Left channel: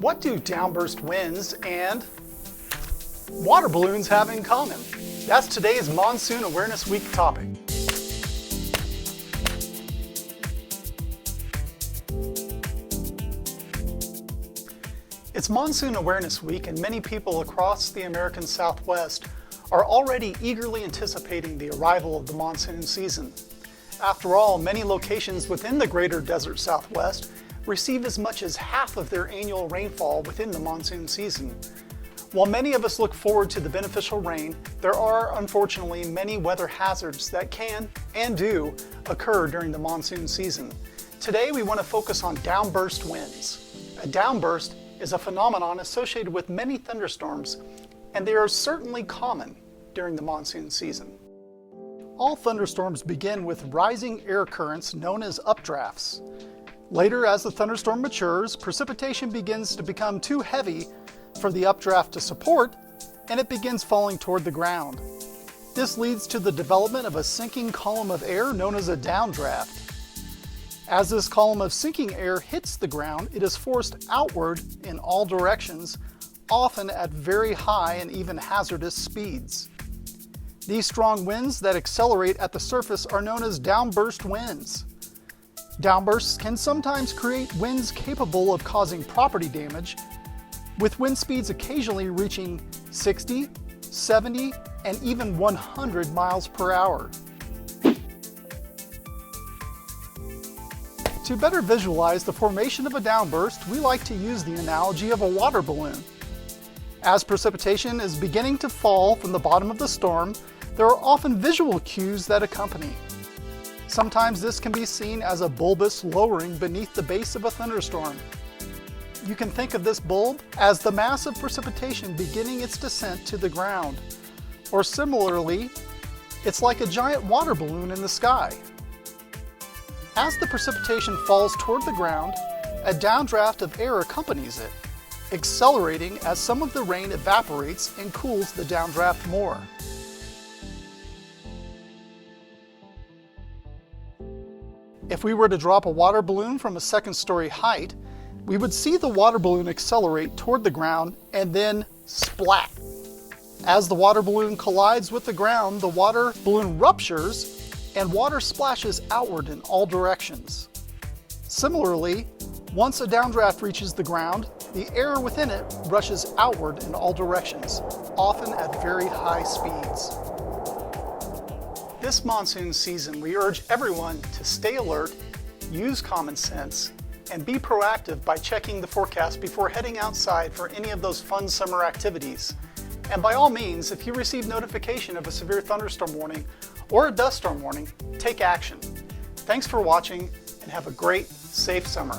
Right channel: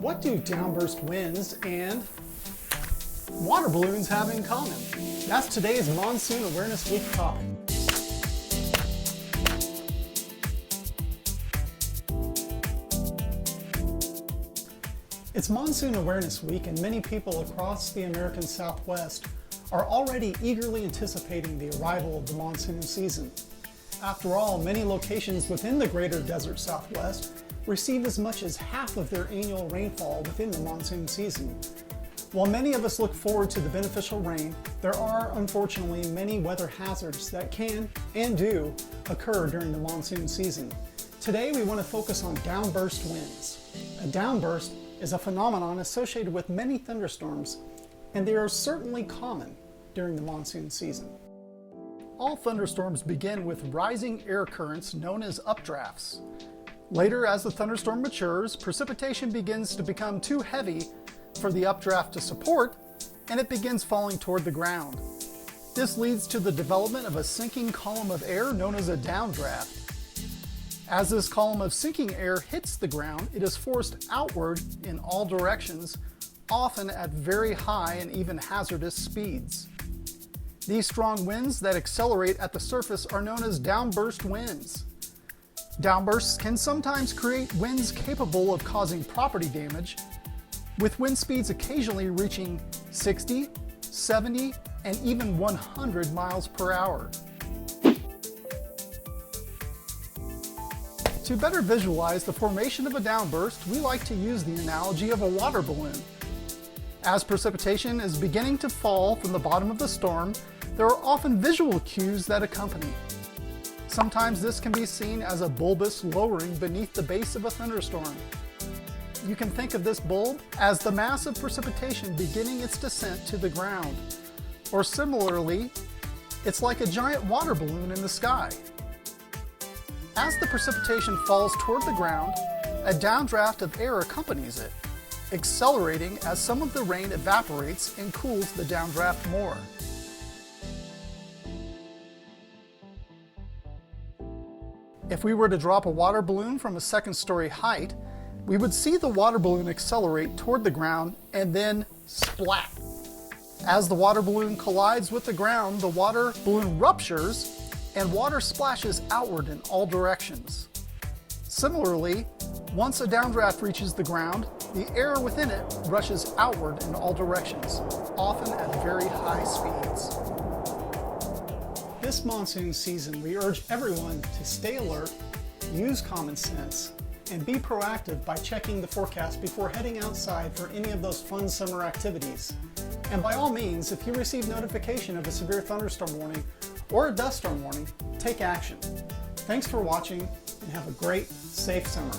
What do downburst winds and water balloons have in common? That's today's Monsoon Awareness Week topic. It's Monsoon Awareness Week, and many people across the American Southwest are already eagerly anticipating the arrival of the monsoon season. After all, many locations within the greater desert Southwest receive as much as half of their annual rainfall within the monsoon season. While many of us look forward to the beneficial rain, there are unfortunately many weather hazards that can and do occur during the monsoon season. Today we want to focus on downburst winds. A downburst is a phenomenon associated with many thunderstorms, and they are certainly common during the monsoon season. All thunderstorms begin with rising air currents known as updrafts. Later, as the thunderstorm matures, precipitation begins to become too heavy for the updraft to support, and it begins falling toward the ground. This leads to the development of a sinking column of air known as a downdraft. As this column of sinking air hits the ground, it is forced outward in all directions, often at very high and even hazardous speeds. These strong winds that accelerate at the surface are known as downburst winds. Downbursts can sometimes create winds capable of causing property damage, with wind speeds occasionally reaching 60, 70, and even 100 miles per hour. To better visualize the formation of a downburst, we like to use the analogy of a water balloon. As precipitation is beginning to fall from the bottom of the storm, there are often visual cues that accompany. Sometimes this can be seen as a bulbous lowering beneath the base of a thunderstorm. You can think of this bulb as the mass of precipitation beginning its descent to the ground. Or similarly, it's like a giant water balloon in the sky. As the precipitation falls toward the ground, a downdraft of air accompanies it, accelerating as some of the rain evaporates and cools the downdraft more. If we were to drop a water balloon from a second-story height, we would see the water balloon accelerate toward the ground and then splat. As the water balloon collides with the ground, the water balloon ruptures and water splashes outward in all directions. Similarly, once a downdraft reaches the ground, the air within it rushes outward in all directions, often at very high speeds. This monsoon season, we urge everyone to stay alert, use common sense, and be proactive by checking the forecast before heading outside for any of those fun summer activities. And by all means, if you receive notification of a severe thunderstorm warning or a dust storm warning, take action. Thanks for watching, and have a great, safe summer.